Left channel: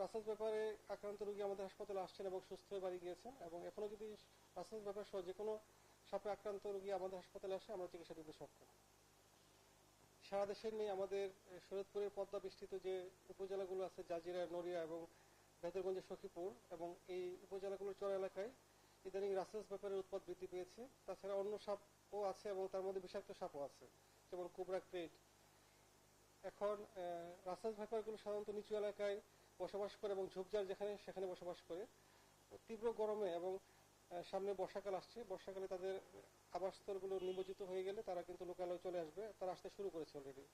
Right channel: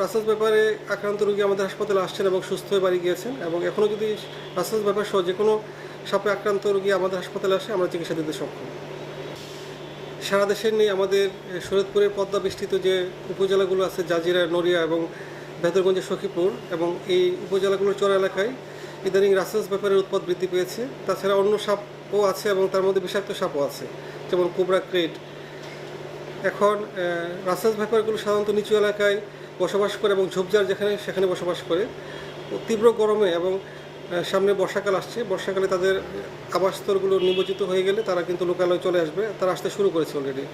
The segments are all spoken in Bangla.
রাসেলস ব্যাপারে আক্রান্ত রোগী আমাদের হাসপাতালে আসছেন এবং সুস্থ হয়ে বাড়ি গিয়েছেন, এবং এখনও যদি রাসেলস ব্যাপার সহ যে কোনো সাপে আক্রান্ত রোগী আমাদের হাসপাতালে আসে আমরা চিকিৎসা দিতে সক্ষম। সারা দেশের নিয়ে আমাদের শরীয়তপুরের পদ্মা বেষ্টিত যে উপজেলাগুলো আছে, জাজিরা, নড়িয়া এবং ভেদরগঞ্জের সখীপুর, এবং এই উপজেলাগুলোর চর এলাকায় ইদানিং রাসেলস ব্যাপারের উৎপাদ বৃদ্ধি পেয়েছে। তাছাড়া অন্য সাপও আছে এবং তার মধ্যে বিষাক্ত সাপও আছে, যেমন কোবরা ক্রেট। এখন রাসেলস ব্যাপারগুলো সাধারণত নিচু এলাকায় বসবাস করে এবং ঝোপঝাড় যেখানে সেখানে বসবাস করে। তীব্র গরমে এবং সামনে বর্ষাকাল আসছে, বর্ষাকালে তাদের আবাসস্থলগুলো নিমজ্জিত হয়ে গেলে তারা কিন্তু লোকালয়ে চলে আসবে, তারা আসতে শুরু করেছে অলরেডি।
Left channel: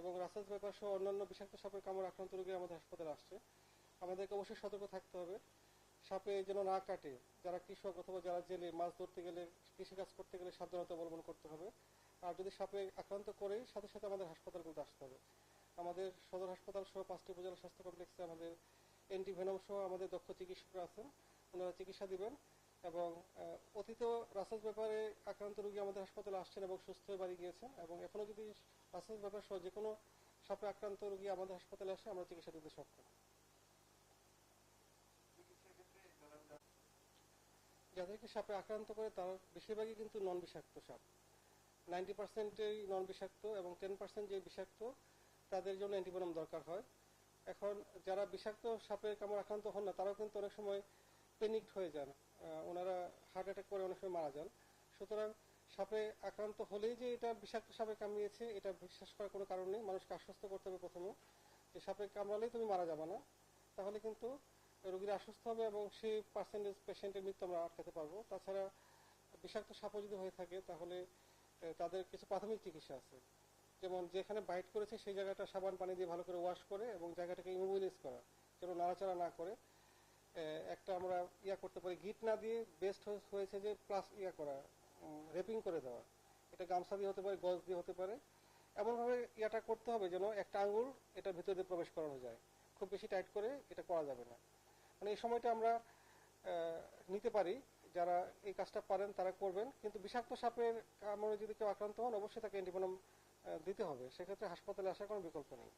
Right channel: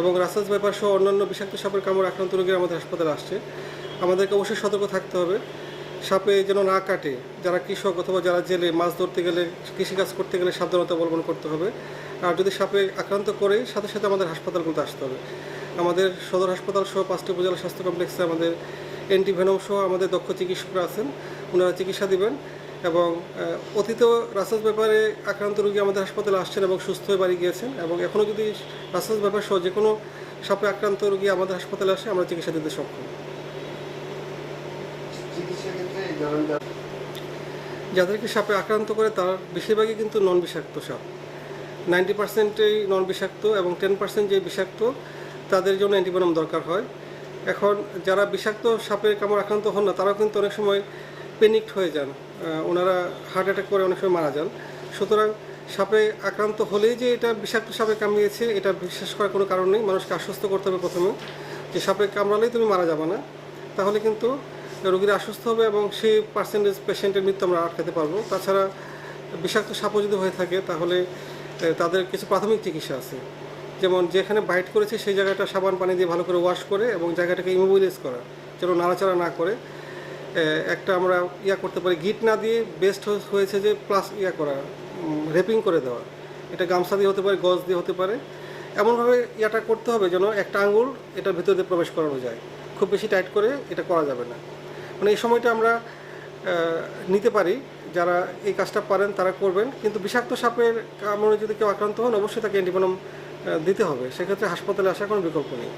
এবং রাসেলস ব্যাপার সহ অন্যান্য বিষাক্ত সাপের কামড় আক্রান্ত রোগীরা আমাদের হাসপাতালে আসছে। আমাদেরকে অবশ্যই সতর্ক থাকতে হবে, সাপে যেন না কাটে। যারা কৃষক অথবা যারা জেলে মাছ ধরতে গেলে, কৃষিকাজ করতে গেলে সাবধানতা অবলম্বন করতে হবে। আর যদি সাপে আক্রান্ত করে সাথে সাথে আমাদের হাসপাতালগুলোতে আসতে হবে। আমাদের সদর হাসপাতাল সহ 5টি উপজেলা স্বাস্থ্য কমপ্লেক্সে আমাদের অ্যান্টিভেনম সহ আমাদের দক্ষ চিকিৎসকরা আছেন, ওনারা চিকিৎসা দিবেন। এবং অতীতেও রাসেলস ব্যাপারে আক্রান্ত রোগী আমাদের হাসপাতালে আসছেন এবং সুস্থ হয়ে বাড়ি গিয়েছেন, এবং এখনও যদি রাসেলস ব্যাপার সহ যে কোনো সাপে আক্রান্ত রোগী আমাদের হাসপাতালে আসে আমরা চিকিৎসা দিতে সক্ষম। যাদেরকে সাপে আক্রান্ত করে তার বেশিরভাগই কিন্তু নন বিষাক্ত সাপ। 90%ই নন বিষাক্ত এবং 10% যে বিষাক্ত তাদের জন্য অ্যান্টিভেনম দরকার হয়। এখন যারা বিষাক্ত সাপের কামড় আক্রান্ত হন না তারাও কিন্তু অনেক সময় প্যানিকড হয়ে যান, ওনারা হার্ট অ্যাটাক করে অনেক সময় মারা যান। সুতরাং সাপে আক্রান্ত হলেই যে এটা বিষাক্ত সাপে কামড়িয়েছে এটা বিশ্বাস করার কোনো কারণ নেই। মানুষকে আশ্বস্ত করতে হবে প্রথমে যে সাপে কামড়ালেই তুমি মারা যাবে না, তাহলে কিন্তু রোগীরা আশ্বস্ত হবে এবং সেই পেশেন্টের মৃত্যু আমরা আটকাতে পারবো। তাছাড়া বিষাক্ত সাপও যদি হয়ে থাকে তাহলে তাদের কিছু প্রাথমিক চিকিৎসা আছে, যেমন যেখানে বাইট করেছে সেই জায়গাটা সাবান পানি দিয়ে ভালো করে ওয়াশ করে এবং জায়গাটাকে ইমোবিলাইজ করা, যেন নাড়াচাড়া না করে। একটা আমরা করতে পারি, গিট না দিয়ে বেস্ট হয়েছে যে প্লাস করা, রেপিং করে দেওয়া। এটা গামছা দিয়ে হতে পারে, গজ দিয়ে হতে পারে। এমনভাবে করতে হবে যেন একটা আঙুল এটার ভিতর দিয়ে প্রবেশ করানো যায়, খুব বেশি টাইট করে এটা করা যাবে না। মানে এই সময়টা আমরা নিতে পারি, যারা এই কাজটা পারেন তারা করবেন। কিন্তু বিষাক্ত সাপের কামড়ে যদি কেউ আক্রান্ত হন অবশ্যই তাকে অ্যান্টিভেনম দিতে হবে, সেক্ষেত্রে হাসপাতালে আসার কোনো বিকল্প নেই।